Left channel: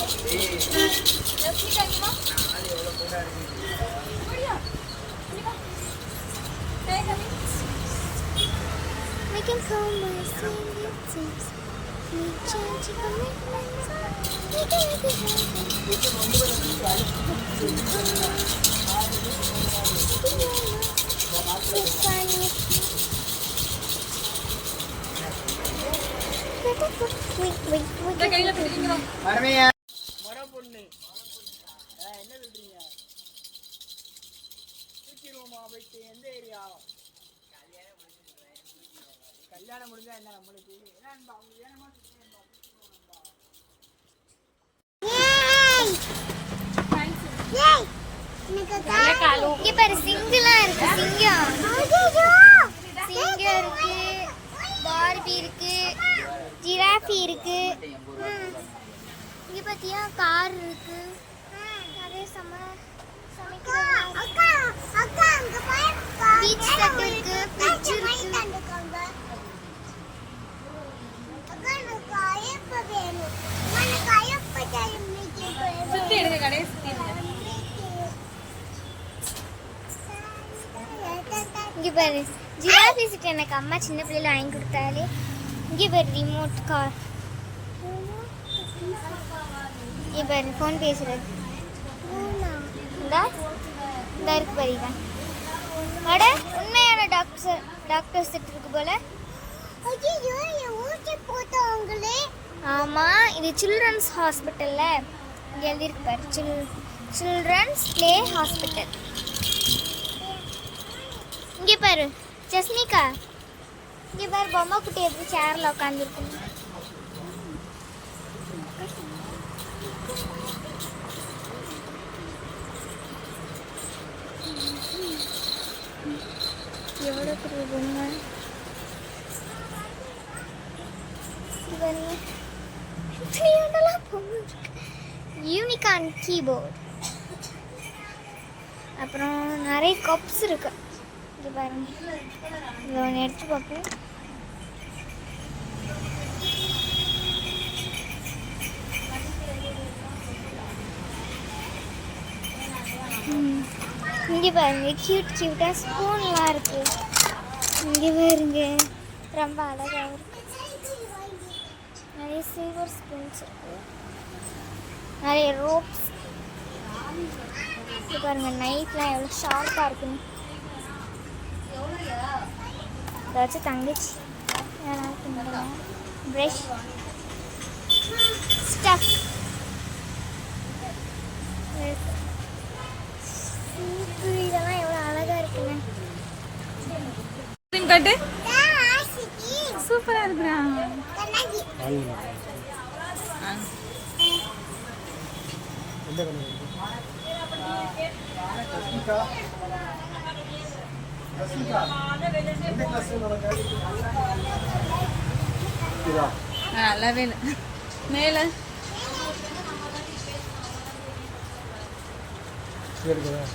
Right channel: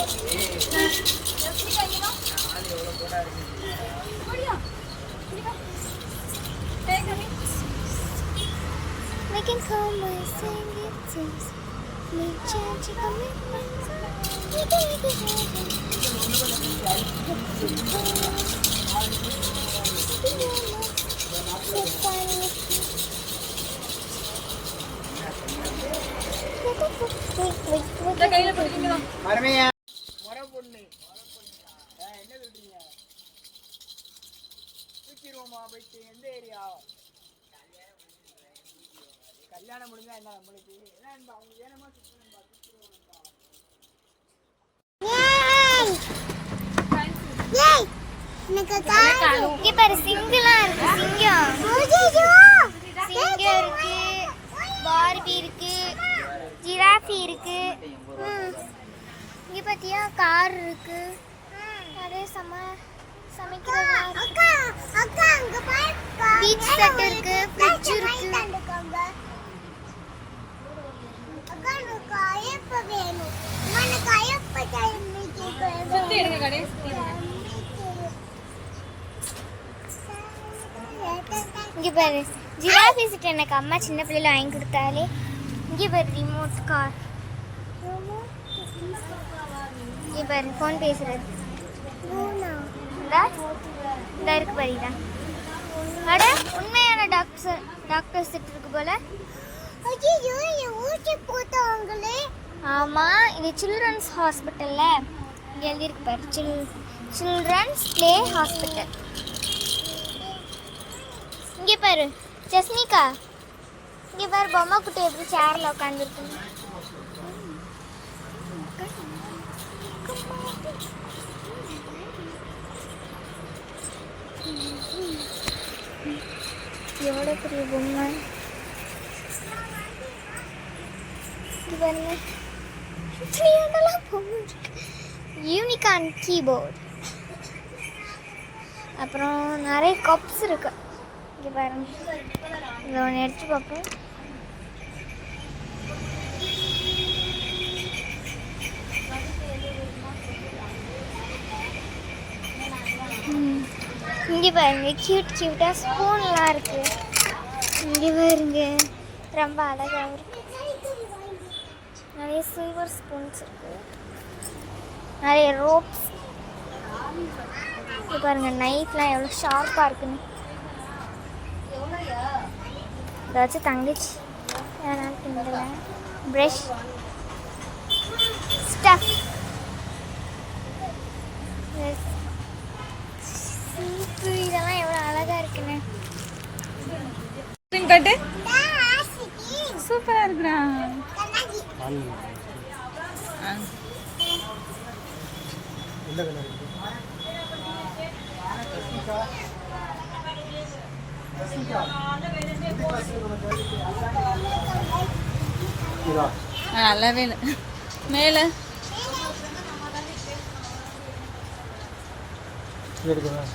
We can call my singing tips. Me changing commitments. We can make it happen. We can call. So funny. Wait, wait, wait. பொண்ணு. என்ன சொல்றீங்க? தூக்கிடுவோமா போயிட்டு? எந்த area? கல்யாணம் முடிஞ்சா என்ன நம்மளுக்கு? ஏன்னா இந்த அவங்க? இங்க பாரு சிங்கெல்லாம் இருக்கு சிங்கம் இருக்கு பார்பி இருக்கு ஜிராஃபி இருக்கு ம். இங்க பாத்தியா? கார் இருக்கு. நிறைய சம இங்க பாரு ஜிராஃபி எனக்கு அம்மா சின்ன பிள்ளைல வாங்கி கொடுத்தாலே. இங்க பாரு ரிமோட் கார் பாரு ஃபோன் பேசுறது. இந்தா இந்த இருக்கு பாரு இதான் அட உண்மையான டாக்டர் டாக்டர் செட் இருக்கு போல. ஆமா இது சில்ட்ரன்ஸ் ஹாஸ்பிட்டல்ல இங்க எழுதியிருக்கு பாரு. சில் சில்ட்ரன்ஸ் ப்ளே ஹாஸ்பிட்டல் இங்கே பாரு ஜஸ்மிகா. இங்கே பாரு பொம்மை குட்டி எப்படி சேர்ல உட்காந்துருக்கு எவ்வளோ பெரிய பொம்மை யூனிகான் கீபோர்டு அப்புறம் நிறைய கப்ஸ் இருக்கு. இங்கே பாருங்க. இதை ஒன்று எடுத்து பார்ப்பேன் ம். இங்கே பாருங்க கியூட் கியூட்டாக ஸ்பூன்லாம் இருக்குது இங்கே பாருங்க ரொம்ப அழகாக இருக்கு. நிறைய சில்வர் ஸ்பூன்ஸ் இருக்குது நிறைய ரோப்ஸ் இங்க பாருங்க நைட்லாம் எவ்வளோ ஷார்ப்பாக இருக்குன்னு. ஏதாச்சும் தங்கச்சி யாராவது ப்ரஷ் ஸ்டஃப் இதெல்லாம் எவ்வளோ அழகா இருக்குன்னு ஸ்கிரீன் காட்டு சூப்பரா இருக்குடா ஆ. எந்த கலர் ரஷ்மிகா ரஷ்மிகா எந்த கிளாஸ் உனக்கு இதா ஆ, நல்லாவே இல்லை. மேலே. எடுக்கிறேன்.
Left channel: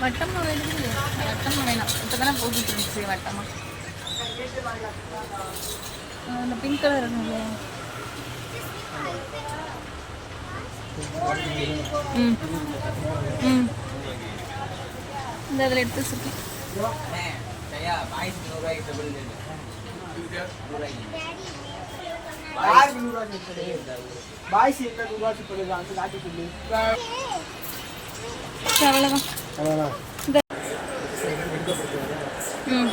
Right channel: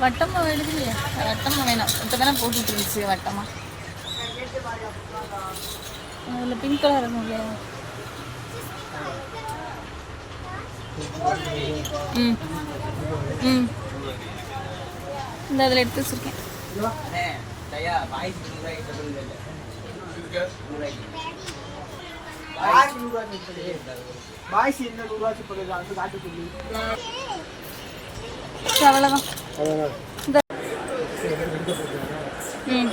வட்டமா வேணுது வட்டமா வேணாம் இப்போ தானே போட்டுட்டு இருந்துச்சு வட்டமா அதில் பிங்க் கலர் இருக்கும் இல்லையா ம் ம் இந்த அதில் எடுத்து வச்சிருக்கேன் பாய்ஸ் என்ன நூறுரூவா சொல்லுது அங்கே காட்டி சொல்லி அவ்வளோதான் ம்